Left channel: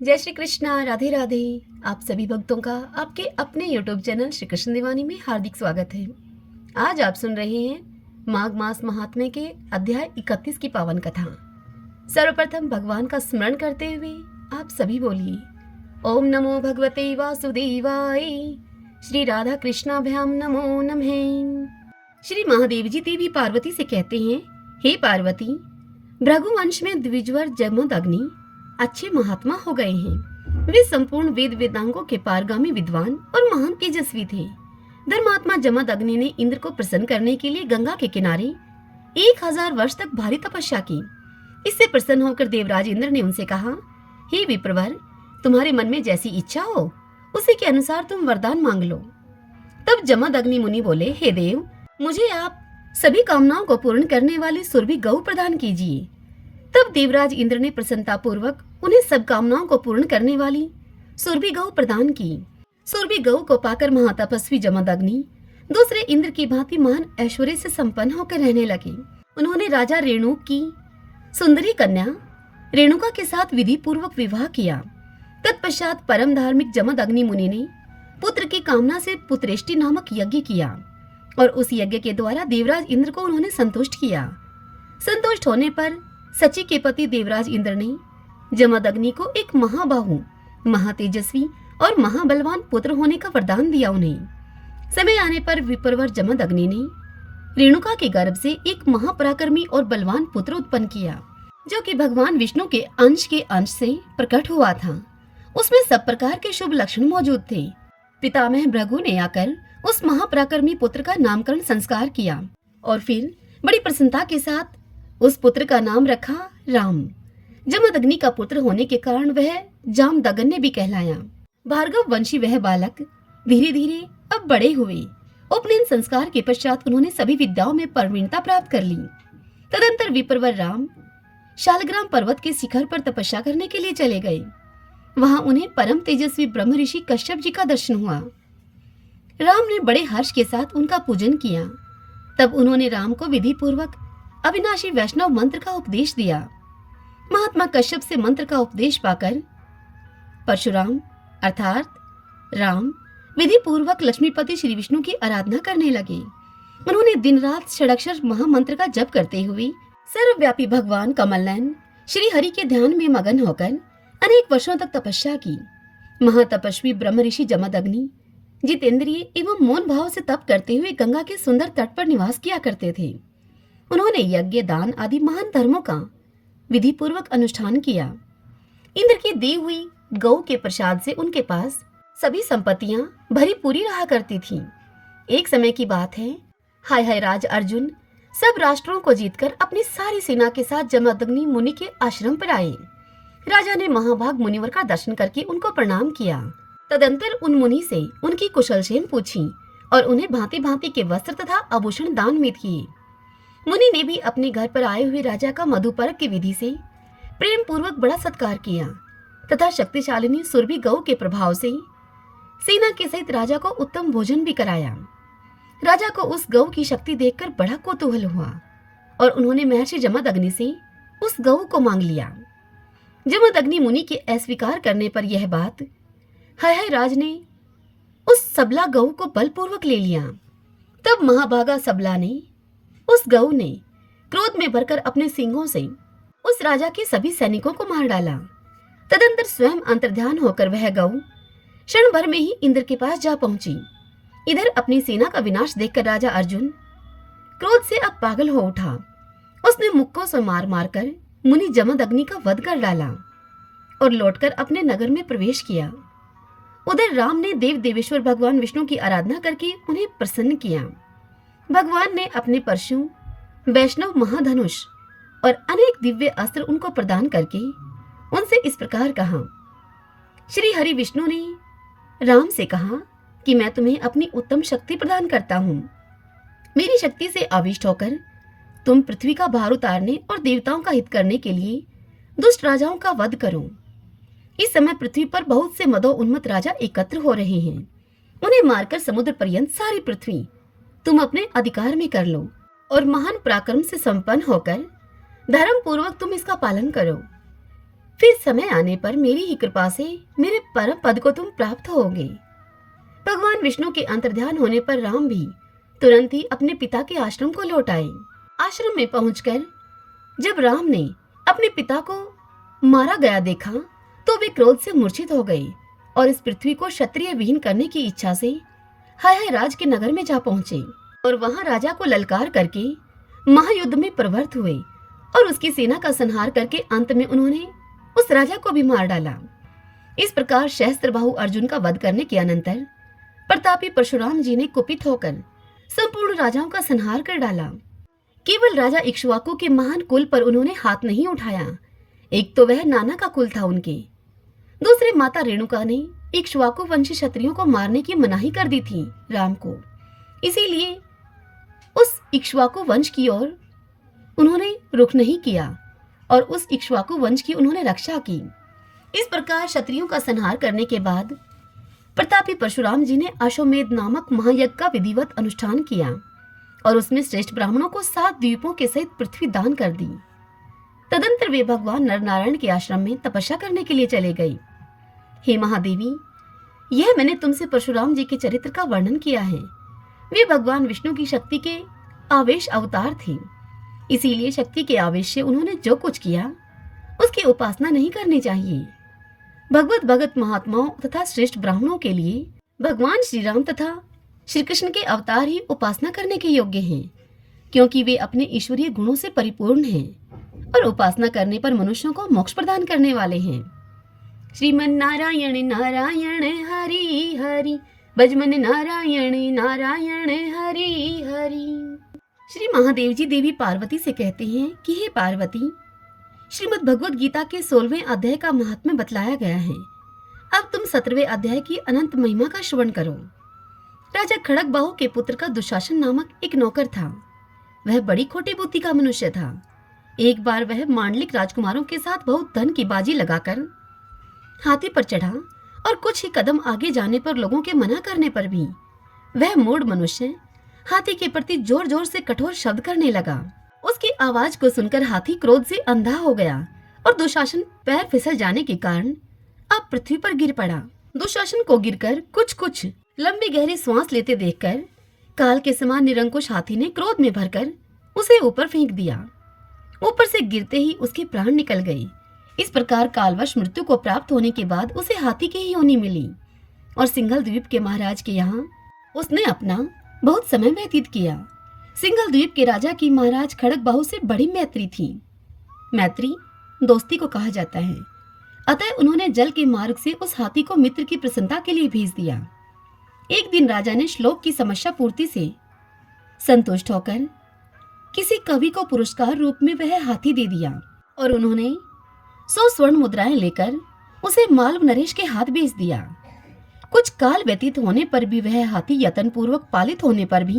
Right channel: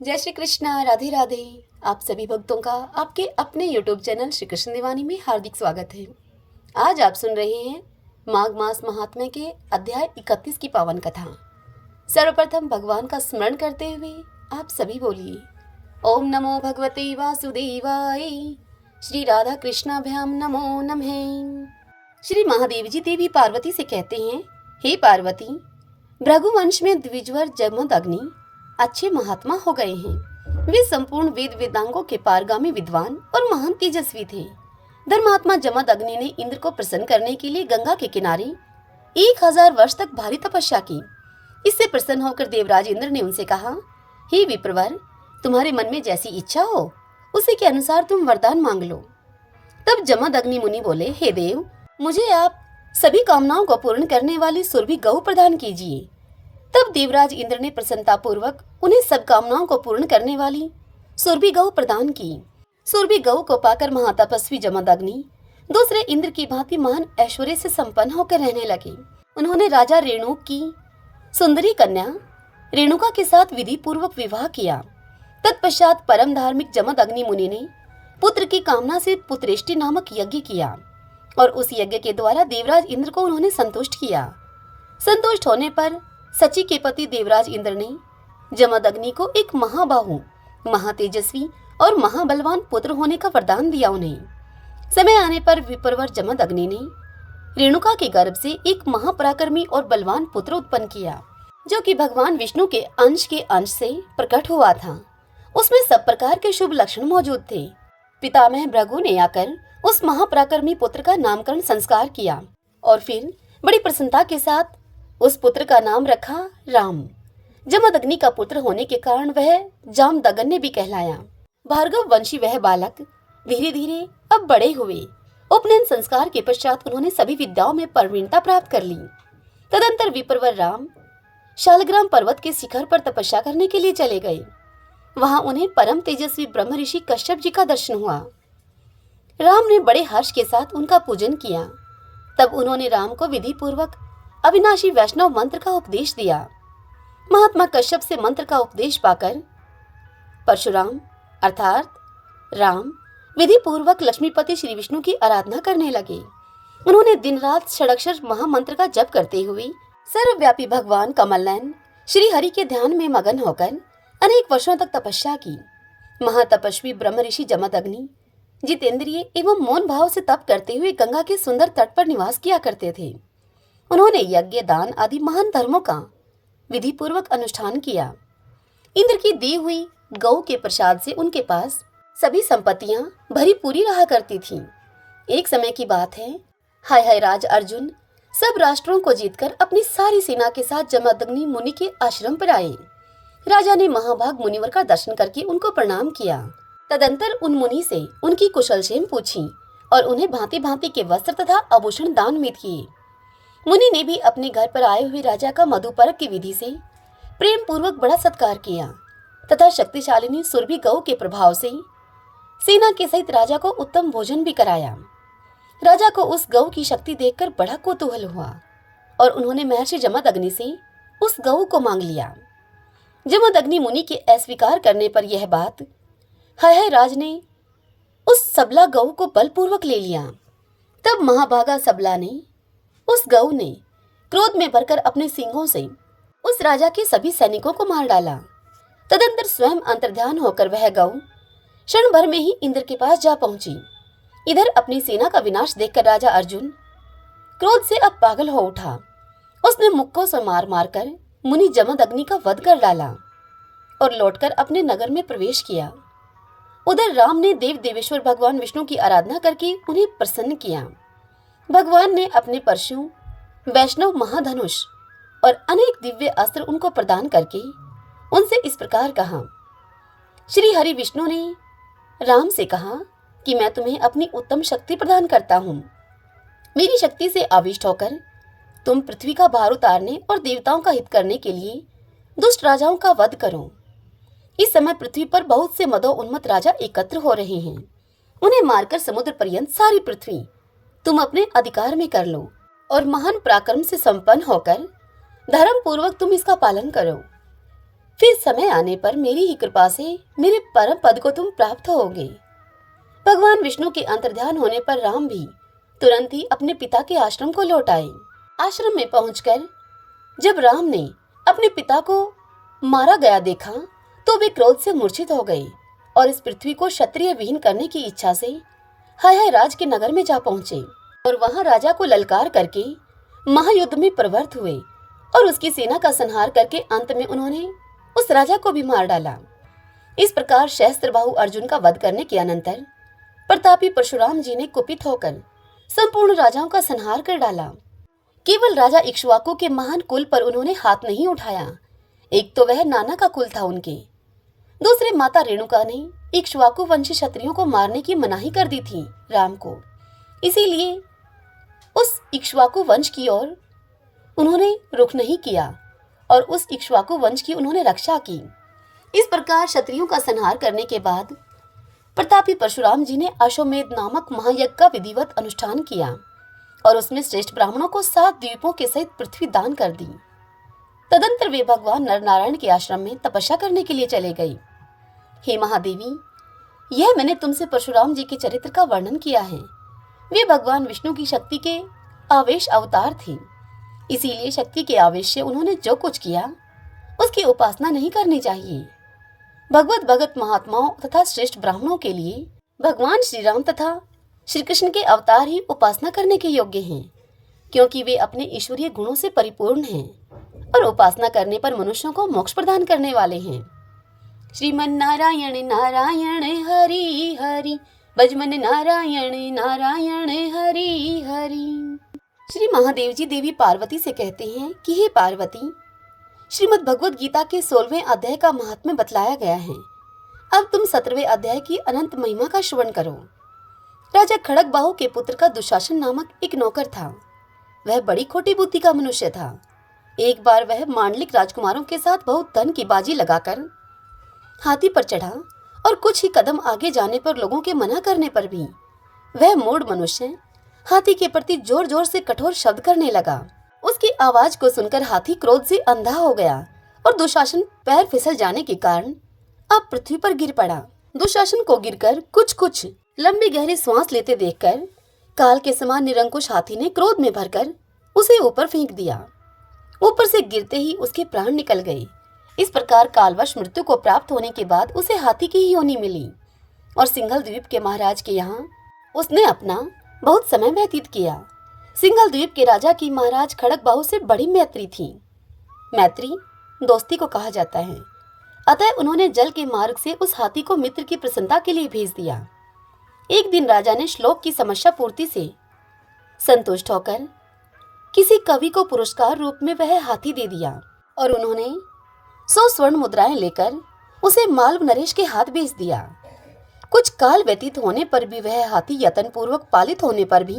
जय श्री कृष्णा, राधे राधे। आप सभी भक्तों का आपके अपने YouTube चैनल श्री कृष्ण दीवानी में हार्दिक स्वागत है। आज आप सुन रहे हैं माघ मास महात्म्य के अध्याय 31 की पावन कथा। सर्वप्रथम भगवान का स्मरण करते हुए आप सभी बोलिए ओम नमो भगवते वासुदेवाय। श्री राधा कृष्णाभ्याम नमो नमः। श्री महादेव जी देवी पार्वती से कहते हैं, हे पार्वती, भृगुवंश में द्विजवर जमदग्नि अच्छे महात्मा हो गए हैं। वे संपूर्ण वेद वेदांगों के पारगामी विद्वान और महान तेजस्वी थे। धर्मात्मा जमदग्नि ने इंद्र को प्रसन्न करने के लिए गंगा के किनारे 1000 वर्ष तक भारी तपस्या की। इससे प्रसन्न होकर देवराज इंद्र ने उनसे कहा, हे विप्रवर, तुम्हारे मन में जैसी इच्छा हो उसी के अनुसार तुम वरदान मांग लो। तब जमदग्नि मुनि बोले, हे देव, मुझे आप सभी कामनाओं को पूर्ण करने वाली सुरभि गौ प्रदान कीजिए। तब देवराज इंद्र ने प्रसन्नता पूर्वक उन्हें सब कामनाओं को पूर्ण करने वाली सुरभि गौ प्रदान की। सुरभि गौ को पाकर महातपस्वी जमदग्नि दूसरे इंद्र की भांति महान ऐश्वर्य से संपन्न होकर रहने लगे। उन्होंने राजा रेणु की सुंदरी कन्या रेणुका के साथ विधि पूर्वक विवाह किया। तत्पश्चात परम धार्मिक जमदग्नि मुनि ने पुत्र की कामना से पुत्रेष्टि नामक यज्ञ किया और उस यज्ञ के द्वारा देवराज इंद्र को उन्होंने संतुष्ट किया। संतुष्ट होने पर सची के पति देवराज इंद्र ने जमदग्नि को एक महाबाहु, महातेजस्वी और महाबलवान पुत्र होने का वरदान दिया। उन्हें समय आने पर विप्रवर जमदग्नि ने रेणुका के गर्भ से एक महापराक्रमी और बलवान पुत्र उत्पन्न किया, जो कि भगवान विष्णु के अंश से प्रकट हुआ था। उसमें सब प्रकार के शुभ लक्षण मौजूद थे। पितामह भृगु ने आकर उस महापराक्रमी पुत्र का नामकरण संस्कार किया और फिर बड़ी प्रसन्नता के साथ उस पुत्र का नाम रखा राम। जमदग्नि का पुत्र होने के कारण वह जामदग्नि भी कहलाया। भार्गव वंशी वह बालक धीरे धीरे अब बड़े हुए। उपनयन संस्कार के पश्चात उन्होंने सभी विद्याओं में प्रवीणता प्राप्त कर ली। तदंतर विप्रवर राम शालग्राम पर्वत के शिखर पर तपस्या करने के लिए चले गए। वहां उन्हें परम तेजस्वी ब्रह्म ऋषि कश्यप जी का दर्शन हुआ। राम ने बड़े हर्ष के साथ उनका पूजन किया। तब उन्होंने राम को विधि पूर्वक अविनाशी वैष्णव मंत्र का उपदेश दिया। महात्मा कश्यप से मंत्र का उपदेश पाकर परशुराम अर्थात राम विधि पूर्वक लक्ष्मीपति श्री विष्णु की आराधना करने लगे। उन्होंने दिन रात षडाक्षर महामंत्र का जप करते हुए सर्वव्यापी भगवान कमलनयन श्री हरि के ध्यान में मगन होकर अनेक वर्षों तक तपस्या की। महातपस्वी ब्रह्म ऋषि जमदग्नि जितेंद्रिय एवं मौन भाव से तप करते हुए गंगा के सुंदर तट पर निवास किया करते थे। उन्होंने यज्ञ, दान आदि महान धर्मों का विधि पूर्वक अनुष्ठान किया। इंद्र की दी हुई गौ के प्रसाद से उनके पास सभी संपत्तियां भरी पूरी रहा करती थीं। एक समय की बात है, हाय हाय राज अर्जुन सब राष्ट्रों को जीतकर अपनी सारी सेना के साथ जमदग्नि मुनि के आश्रम पर आए। राजा ने महाभाग मुनिवर का दर्शन करके उनको प्रणाम किया। तदंतर उन मुनि से उनकी कुशलक्षेम पूछी और उन्हें भांति भांति के वस्त्र तथा आभूषण दान में किए। मुनि ने भी अपने घर पर आए हुए राजा का मधुपर्क की विधि से प्रेम पूर्वक बड़ा सत्कार किया तथा शक्तिशालिनी सुरभि गौ के प्रभाव से सेना के सहित राजा को उत्तम भोजन भी कराया। राजा को उस गौ की शक्ति देखकर बड़ा कौतूहल हुआ और उन्होंने महर्षि जमदग्नि से उस गौ को मांग लिया। जमदग्नि मुनि के अस्वीकार करने पर यह बात हाय हाय राज ने उस सबला गऊ को बलपूर्वक ले लिया। तब महाभागा सबला ने उस गऊ ने क्रोध में भरकर अपने सींगों से उस राजा के सभी सैनिकों को मार डाला। तदंतर स्वयं अंतर्ध्यान होकर वह गऊ क्षण भर में ही इंद्र के पास जा पहुंची। इधर अपनी सेना का विनाश देखकर राजा अर्जुन क्रोध से अब पागल हो उठा। उसने मुक्कों से मार मारकर मुनि जमदग्नि का वध कर डाला और लौटकर अपने नगर में प्रवेश किया। उधर राम ने देव देवेश्वर भगवान विष्णु की आराधना करके उन्हें प्रसन्न किया। भगवान ने अपने परशु, वैष्णव महाधनुष और अनेक दिव्य अस्त्र उनको प्रदान करके उनसे इस प्रकार कहा। श्री हरि विष्णु ने राम से कहा कि मैं तुम्हें अपनी उत्तम शक्ति प्रदान करता हूँ। मेरी शक्ति से आविष्ट होकर तुम पृथ्वी का भार उतारने और देवताओं का हित करने के लिए दुष्ट राजाओं का वध करो। इस समय पृथ्वी पर बहुत से मदो उन्मत्त राजा एकत्र हो रहे हैं। उन्हें मारकर समुद्र पर्यंत सारी पृथ्वी तुम अपने अधिकार में कर लो और महान पराक्रम से संपन्न होकर धर्म पूर्वक तुम इसका पालन करो। फिर समय आने पर मेरी ही कृपा से मेरे परम पद को तुम प्राप्त होगे। भगवान विष्णु के अंतर्ध्यान होने पर राम भी तुरंत ही अपने पिता के आश्रम को लौट आए। आश्रम में पहुंचकर जब राम ने अपने पिता को मारा गया देखा तो वे क्रोध से मूर्छित हो गए और इस पृथ्वी को क्षत्रिय विहीन करने की इच्छा से हाय हाय राज के नगर में जा पहुंचे और वहां राजा को ललकार करके महायुद्ध में प्रवृत्त हुए और उसकी सेना का संहार करके अंत में उन्होंने उस राजा को भी मार डाला। इस प्रकार सहस्त्रबाहु अर्जुन का वध करने के अनंतर प्रतापी परशुराम जी ने कुपित होकर संपूर्ण राजाओं का संहार कर डाला। केवल राजा इक्ष्वाकु के महान कुल पर उन्होंने हाथ नहीं उठाया। एक तो वह नाना का कुल था उनके, दूसरे माता रेणुका ने इक्ष्वाकु वंशी क्षत्रियों को मारने की मनाही कर दी थी राम को, इसीलिए उस इक्ष्वाकु वंश की ओर उन्होंने रुख नहीं किया और उस इक्ष्वाकु वंश की उन्होंने रक्षा की। इस प्रकार क्षत्रियों का संहार करने के बाद प्रतापी परशुराम जी ने अश्वमेध नामक महायज्ञ का विधिवत अनुष्ठान किया और उसमें श्रेष्ठ ब्राह्मणों को 7 द्वीपों के सहित पृथ्वी दान कर दी। तदंतर वे भगवान नरनारायण के आश्रम में तपस्या करने के लिए चले गए। हे महादेवी, यह मैंने तुमसे परशुराम जी के चरित्र का वर्णन किया है। वे भगवान विष्णु की शक्ति के आवेश अवतार थे, इसीलिए शक्ति के आवेश से उन्होंने जो कुछ किया उसकी उपासना नहीं करनी चाहिए। भगवत भगत महात्माओं तथा श्रेष्ठ ब्राह्मणों के लिए भगवान श्री राम तथा श्री कृष्ण के अवतार ही उपासना करने के योग्य हैं, क्योंकि वे अपने ईश्वरीय गुणों से परिपूर्ण हैं और उपासना करने पर मनुष्यों को मोक्ष प्रदान करने वाले हैं। श्रीमन नारायण नारायण हरि हरि, भजमन नारायण नारायण हरि हरि। श्री महादेव जी देवी पार्वती से कहते हैं कि हे पार्वती, श्रीमद् भगवद गीता के 16वें अध्याय का महात्म्य बतलाया गया है। अब तुम 17वें अध्याय की अनंत महिमा का श्रवण करो। राजा खड़गबाहु के पुत्र का दुशासन नामक एक नौकर था। वह बड़ी खोटी बुद्धि का मनुष्य था। एक बार वह मांडलिक राजकुमारों के साथ बहुत धन की बाजी लगाकर हाथी पर चढ़ा और कुछ ही कदम आगे जाने पर लोगों के मना करने पर भी वह मूढ़ मनुष्य हाथी के प्रति जोर जोर से कठोर शब्द करने लगा। उसकी आवाज को सुनकर हाथी क्रोध से अंधा हो गया और दुशासन पैर फिसल जाने के कारण अब पृथ्वी पर गिर पड़ा। दुशासन को गिरकर कुछ लंबी गहरी सांस लेते देखकर काल के समान निरंकुश हाथी ने क्रोध में भरकर उसे ऊपर फेंक दिया। ऊपर से गिरते ही उसके प्राण निकल गए। इस प्रकार कालवश मृत्यु को प्राप्त होने के बाद उसे हाथी की ही योनि मिली और सिंघल द्वीप के महाराज के यहाँ उसने अपना बहुत समय व्यतीत किया। सिंघल द्वीप के राजा की महाराज खड़गबाहु से बड़ी मैत्री थी। मैत्री दोस्ती को कहा जाता है। अतः उन्होंने जल के मार्ग से उस हाथी को मित्र की प्रसन्नता के लिए भेज दिया। एक दिन राजा ने श्लोक की समस्या पूर्ति से संतुष्ट होकर किसी कवि को पुरस्कार रूप में वह हाथी दे दिया और उन्होंने 100 स्वर्ण मुद्राएं लेकर उसे मालव नरेश के हाथ भेज दिया। कुछ काल व्यतीत होने पर भी वह हाथी यत्न पूर्वक पालित होने पर भी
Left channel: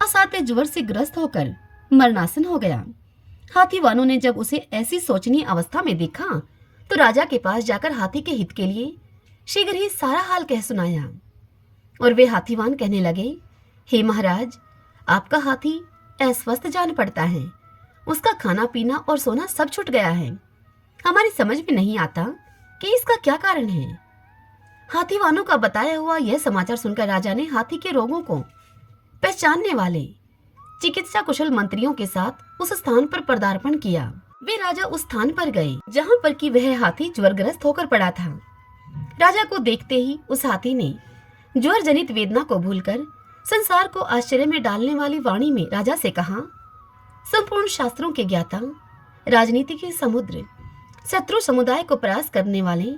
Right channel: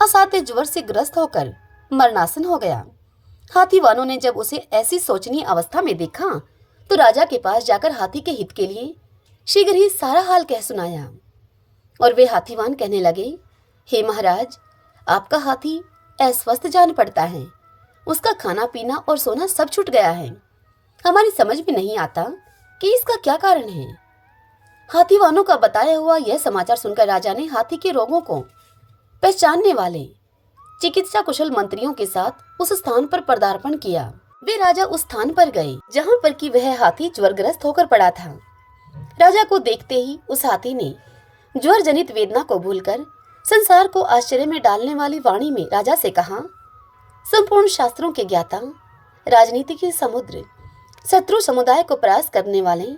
असाध्य ज्वर से ग्रस्त होकर मरणासन हो गया। हाथी वालों ने जब उसे ऐसी शोचनीय अवस्था में देखा तो राजा के पास जाकर हाथी के हित के लिए शीघ्र ही सारा हाल कह सुनाया और वे हाथीवान कहने लगे, हे महाराज, आपका हाथी अस्वस्थ जान पड़ता है। उसका खाना पीना और सोना सब छूट गया है। हमारी समझ में नहीं आता कि इसका क्या कारण है। हाथीवानों का बताया हुआ यह समाचार सुनकर राजा ने हाथी के रोगों को पहचानने वाले चिकित्सा कुशल मंत्रियों के साथ उस स्थान पर पदार्पण किया। वे राजा उस स्थान पर गए जहां पर कि वह हाथी ज्वरग्रस्त होकर पड़ा था। राजा को देखते ही उस हाथी ने ज्वर जनित वेदना को भूलकर संसार को आश्चर्य में डालने वाली वाणी में राजा से कहा, संपूर्ण शास्त्रों के ज्ञाता, राजनीति के समुद्र, शत्रु समुदाय को परास्त करने वाले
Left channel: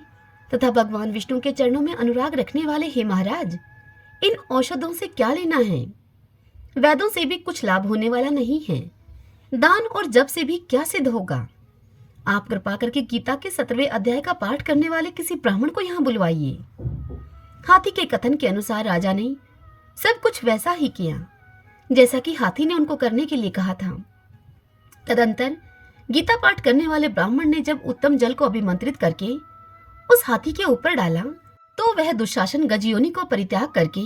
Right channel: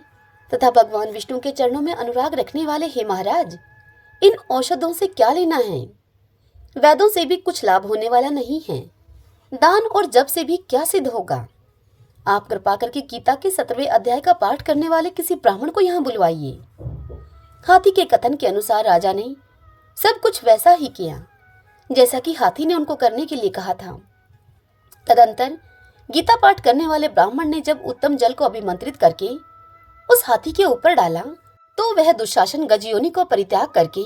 तथा भगवान विष्णु के चरणों में अनुराग रखने वाले हे महाराज, इन औषधों से क्या लेना है? वेदों से भी कुछ लाभ होने वाला नहीं है। दान और जप से भी क्या सिद्ध होगा? आप कृपा करके गीता के 17वें अध्याय का पाठ करने वाले किसी ब्राह्मण को यहाँ बुलवाइए। हाथी के कथन के अनुसार राजा ने सब कुछ वैसा ही किया जैसा कि हाथी ने उनको करने के लिए कहा था। तदंतर गीता पाठ करने वाले ब्राह्मण ने जब उत्तम जल को अभिमंत्रित करके उस हाथी के ऊपर डाला तो वह दुशासन गजयोनि को परित्याग करके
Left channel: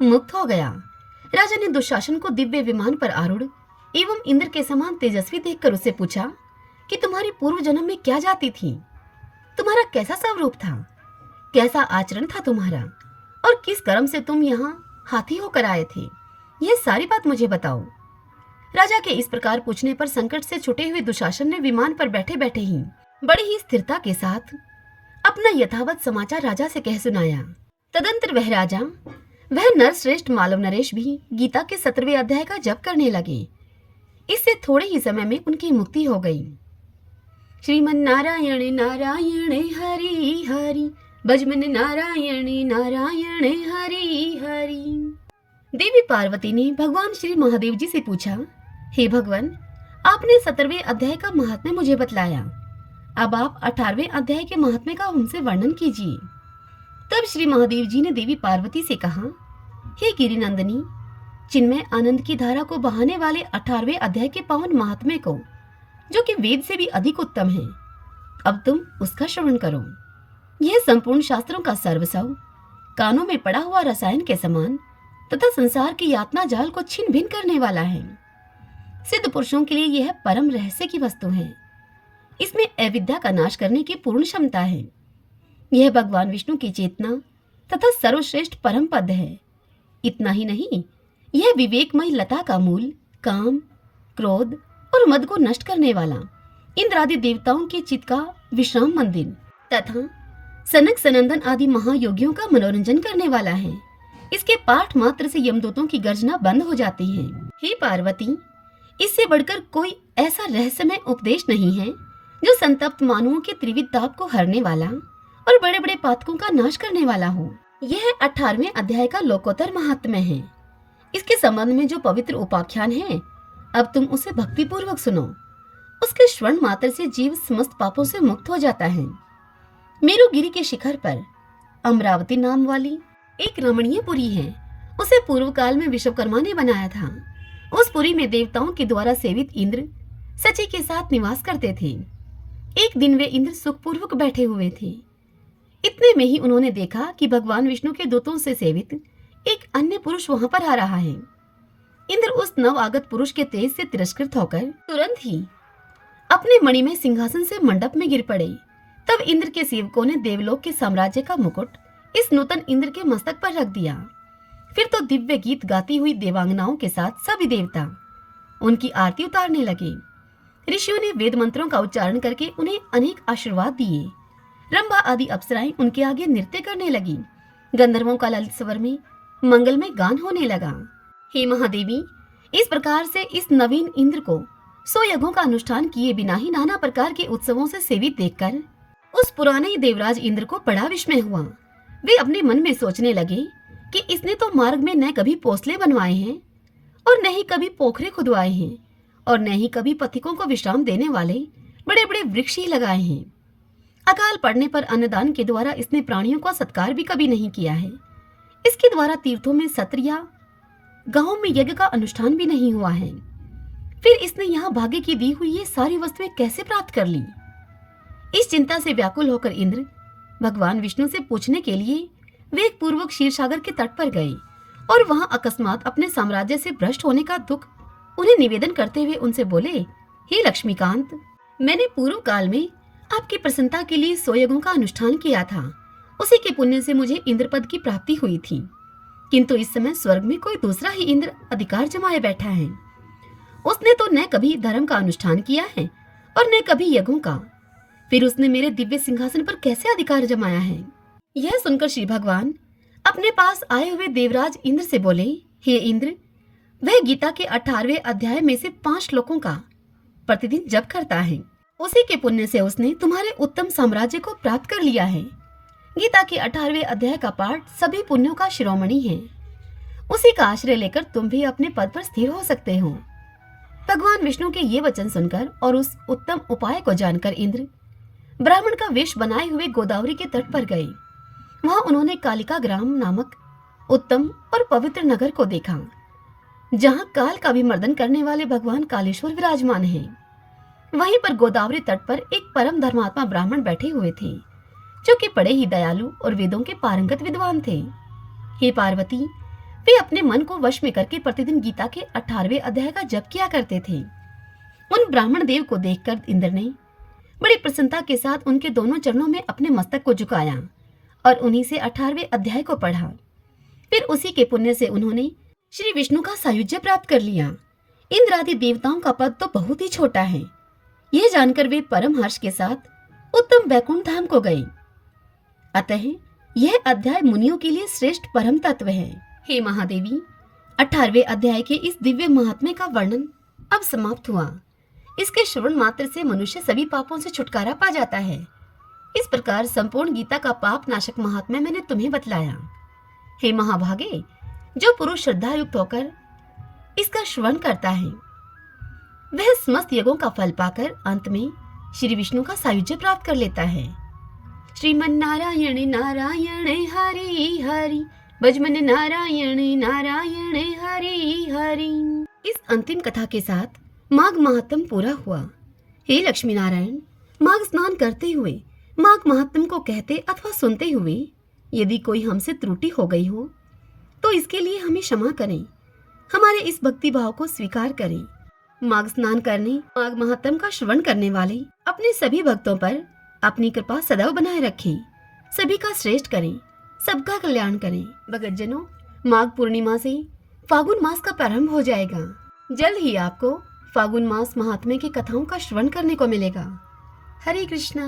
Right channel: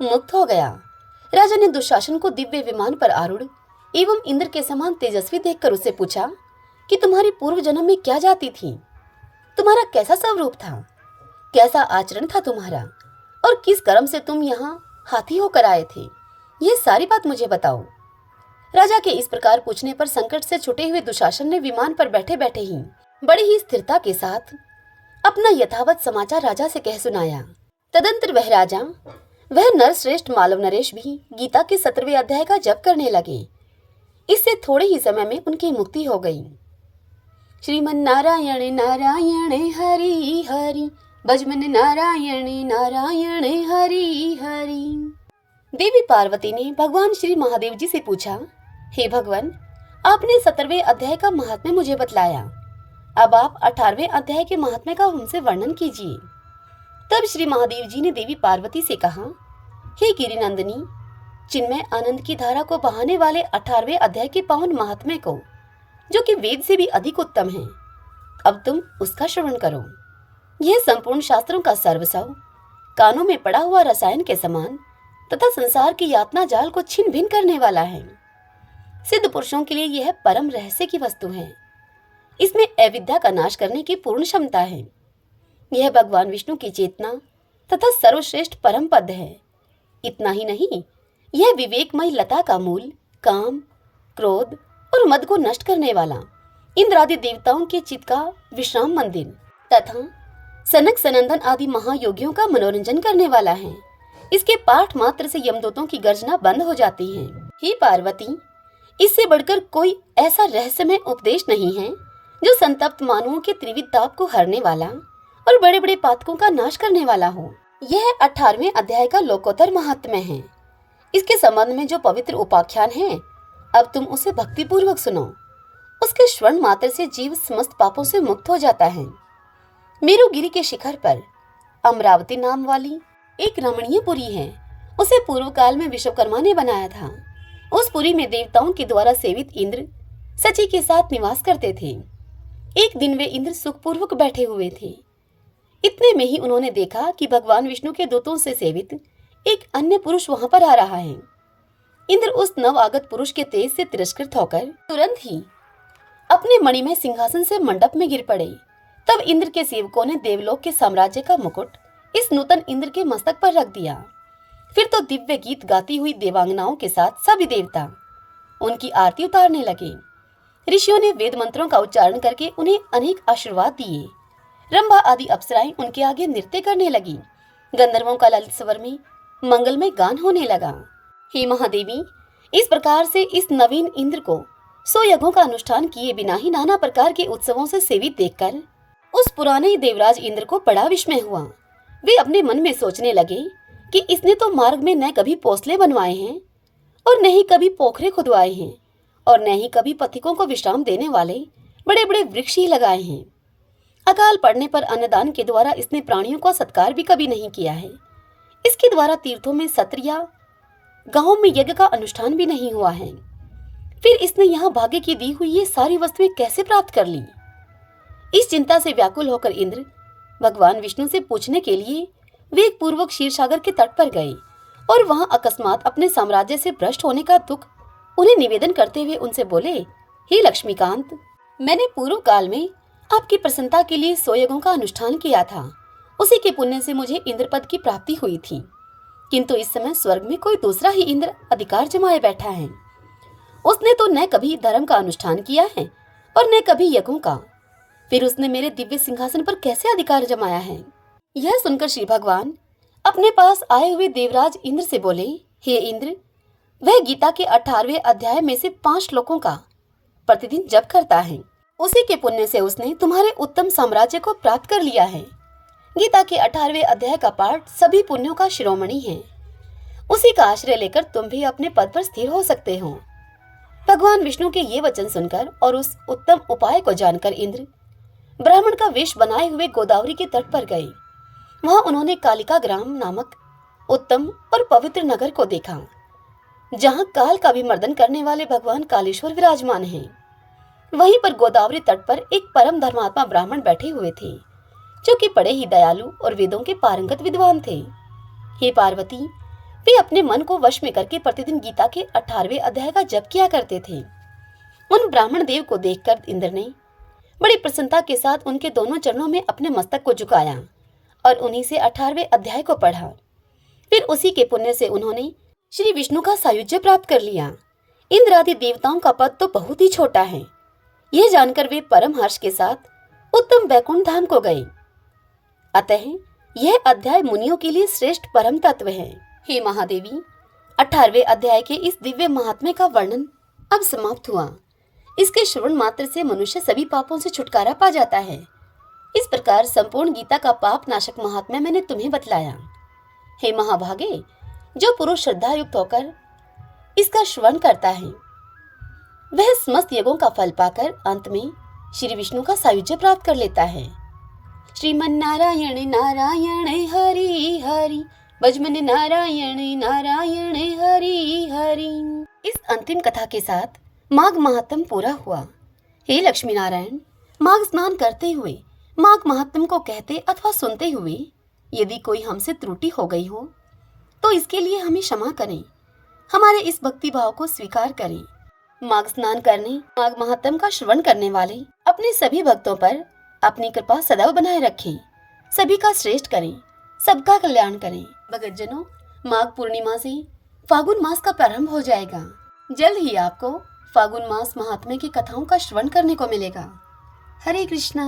मुक्त हो गया। राजा ने दुशासन को दिव्य विमान पर आरूढ़ एवं इंद्र के समान तेजस्वी देखकर उससे पूछा कि तुम्हारी पूर्व जन्म में क्या जाति थी? तुम्हारा कैसा स्वरूप था, कैसा आचरण था तुम्हारा, और किस कर्म से तुम यहाँ हाथी होकर आए थे, ये सारी बात मुझे बताओ। राजा के इस प्रकार पूछने पर संकट से छुटे हुए दुशासन ने विमान पर बैठे बैठे ही बड़ी ही स्थिरता के साथ अपना यथावत समाचार राजा से कह सुनाया। तदंतर वह राजा, वह नरश्रेष्ठ मालव नरेश भी गीता के 17वें अध्याय का जप करने लगे। इससे थोड़े ही समय में उनकी मुक्ति हो गई। श्रीमन नारायण नारायण हरि हरि, भजमन नारायण नारायण हरि हरि। देवी पार्वती ने भगवान श्री महादेव जी से पूछा, हे भगवान, आपने 17वें अध्याय का महात्म्य मुझे बतलाया, अब आप 18वें अध्याय के महात्म्य का हमसे वर्णन कीजिए। तब श्री महादेव जी ने देवी पार्वती से कहा, हे गिरिनंदिनी, चिन्मय आनंद की धारा को बहाने वाले 18वें अध्याय के पावन महात्म्य को, जो कि वेद से भी अधिक उत्तम है, अब तुम उसका श्रवण करो। यह संपूर्ण शास्त्रों का सर्वस्व, कानों में पड़ा हुआ रसायन के समान तथा संसार की यातना जाल को छिन्न भिन्न करने वाला है। सिद्ध पुरुषों के लिए यह परम रहस्य की वस्तु है। इसमें अविद्या का नाश करने की पूर्ण क्षमता है। यह भगवान विष्णु की चेतना तथा सर्वश्रेष्ठ परम पद है। इतना ही नहीं, यह विवेकमय लता का मूल, काम, क्रोध और मद को नष्ट करने वाला, इंद्रादि देवताओं के चित्त का विश्राम मंदिर तथा सनक सनंदन आदि महायोगियों का मनोरंजन करने वाला है। इसके पाठ मात्र से यमदूतों की गर्जना बंद हो जाती है। हे पार्वती, इससे बढ़कर कोई ऐसा रहस्यमय उपदेश नहीं है जो संतप्त मानवों के त्रिविध ताप को हरने वाला और बड़े बड़े पातकों का नाश करने वाला हो। यह 18वें अध्याय का लोकोत्तर महात्म्य है। इसके संबंध में जो पवित्र उपाख्यान है, अब तुम उसे भक्ति पूर्वक सुनो। उसके श्रवण मात्र से जीव समस्त पापों से मुक्त हो जाता है। मेरुगिरी के शिखर पर अमरावती नाम वाली एक रमणीय पुरी है। उसे पूर्व काल में विश्वकर्मा ने बनाया था। उस पुरी में देवताओं के द्वारा सेवित इंद्र सची के साथ निवास करते थे। एक दिन वे इंद्र सुखपूर्वक बैठे हुए थे। इतने में ही उन्होंने देखा कि भगवान विष्णु के दूतों से सेवित एक अन्य पुरुष वहां पर आ रहा है। इंद्र उस नवागत पुरुष के तेज से तिरस्कृत होकर तुरंत ही अपने मणिमय सिंहासन से मंडप में गिर पड़े। तब इंद्र के सेवकों ने देवलोक के साम्राज्य का मुकुट इस नूतन इंद्र के मस्तक पर रख दिया। फिर तो दिव्य गीत गाती हुई देवांगनाओं के साथ सभी देवता उनकी आरती उतारने लगे। ऋषियों ने वेद मंत्रों का उच्चारण करके उन्हें अनेक आशीर्वाद दिए। रंभा आदि अप्सराएं उनके आगे नृत्य करने लगी। गंधर्वों का ललित स्वर में मंगलमय गान होने लगा। हे महादेवी, इस प्रकार से इस नवीन इंद्र को 100 यज्ञों का अनुष्ठान किए बिना ही नाना प्रकार के उत्सवों से सेवित देखकर उस पुराने देवराज इंद्र को बड़ा विस्मय हुआ। वे अपने मन में सोचने लगे कि इसने तो मार्ग में न कभी पोसले बनवाए हैं और न ही कभी पोखरे खुदवाए हैं और न ही कभी पथिकों को विश्राम देने वाले बड़े बड़े वृक्ष ही लगाए हैं। अकाल पड़ने पर अन्नदान के द्वारा इसने प्राणियों का सत्कार भी कभी नहीं किया है। इसके द्वारा तीर्थों में सत्र या गांवों में यज्ञ का अनुष्ठान भी नहीं हुआ है। फिर इसने यहाँ भाग्य की दी हुई ये सारी वस्तुएं कैसे प्राप्त कर ली? इस चिंता से व्याकुल होकर इंद्र भगवान विष्णु से पूछने के लिए वेग पूर्वक क्षीरसागर के तट पर गए और वहां अकस्मात अपने साम्राज्य से भ्रष्ट होने का दुख उन्हें निवेदन करते हुए उनसे बोले, हे लक्ष्मीकांत, मैंने पूर्व काल में आपकी प्रसन्नता के लिए 100 यज्ञों का अनुष्ठान किया था। उसी के पुण्य से मुझे इंद्र पद की प्राप्ति हुई थी। किंतु इस समय स्वर्ग में कोई दूसरा ही इंद्र अधिकार जमाए बैठा है। उसने तो न कभी धर्म का अनुष्ठान किया है और न कभी यज्ञों का। फिर उसने मेरे दिव्य सिंहासन पर कैसे अधिकार जमाया है? यह सुनकर श्री भगवान अपने पास आए हुए देवराज इंद्र से बोले, हे इंद्र, वह गीता के 18वें अध्याय में से 5 श्लोकों का प्रतिदिन जप करता है। उसी के पुण्य से उसने तुम्हारे उत्तम साम्राज्य को प्राप्त कर लिया है। गीता के 18वें अध्याय का पाठ सभी पुण्यों का शिरोमणि है। उसी का आश्रय लेकर तुम भी अपने पद पर स्थिर हो सकते हो। भगवान विष्णु के ये वचन सुनकर और उस उत्तम उपाय को जानकर इंद्र ब्राह्मण का वेश बनाए हुए गोदावरी के तट पर गए। वहां उन्होंने कालिका ग्राम नामक उत्तम और पवित्र नगर को देखा, जहां काल का भी मर्दन करने वाले भगवान कालेश्वर विराजमान हैं। वहीं पर गोदावरी तट पर एक परम धर्मात्मा ब्राह्मण बैठे हुए थे, जो कि बड़े ही दयालु और वेदों के पारंगत विद्वान थे। हे पार्वती, वे अपने मन को वश में करके प्रतिदिन गीता के 18वें अध्याय का जप किया करते थे। उन ब्राह्मण देव को देखकर इंद्र ने बड़ी प्रसन्नता के साथ उनके दोनों चरणों में अपने मस्तक को झुकाया और उन्हीं से 18वें अध्याय को पढ़ा। फिर उसी के पुण्य से उन्होंने श्री विष्णु का सायुज्य प्राप्त कर लिया। इंद्र आदि देवताओं का पद तो बहुत ही छोटा है। यह जानकर वे परम हर्ष के साथ उत्तम वैकुंठ धाम को गए। अतः यह अध्याय मुनियों के लिए श्रेष्ठ परम तत्व है। हे महादेवी, 18वें अध्याय के इस दिव्य महात्म्य का वर्णन अब समाप्त हुआ। इसके श्रवण मात्र से मनुष्य सभी पापों से छुटकारा पा जाता है। इस प्रकार संपूर्ण गीता का पाप नाशक महात्म्य मैंने तुम्हें बतलाया। हे महाभागे, जो पुरुष श्रद्धा युक्त होकर इसका श्रवण करता है वह समस्त यज्ञों का फल पाकर अंत में श्री विष्णु का सायुज्य प्राप्त कर लेता है। श्रीमन नारायण नारायण हरि हरि, भजमन नारायण नारायण हरि हरि। इस अंतिम कथा के साथ माघ महात्म पूरा हुआ। हे लक्ष्मी नारायण, माघ स्नान करते हुए माघ महात्म को कहते अथवा सुनते हुए यदि कोई हमसे त्रुटि हो गई हो तो इसके लिए हमें क्षमा करें, हमारे इस भक्ति भाव को स्वीकार करें। माघ स्नान करने, माघ महात्म का श्रवण करने वाले अपने सभी भक्तों पर अपनी कृपा सदैव बनाए रखें, सभी का श्रेष्ठ करें, सबका कल्याण करें। भक्तजनों, माघ पूर्णिमा से फागुन मास का प्रारंभ हो जाएगा। जल्द ही आपको फागुन मास महात्म्य की कथाओं का श्रवण करने को मिलेगा। हरे कृष्णा।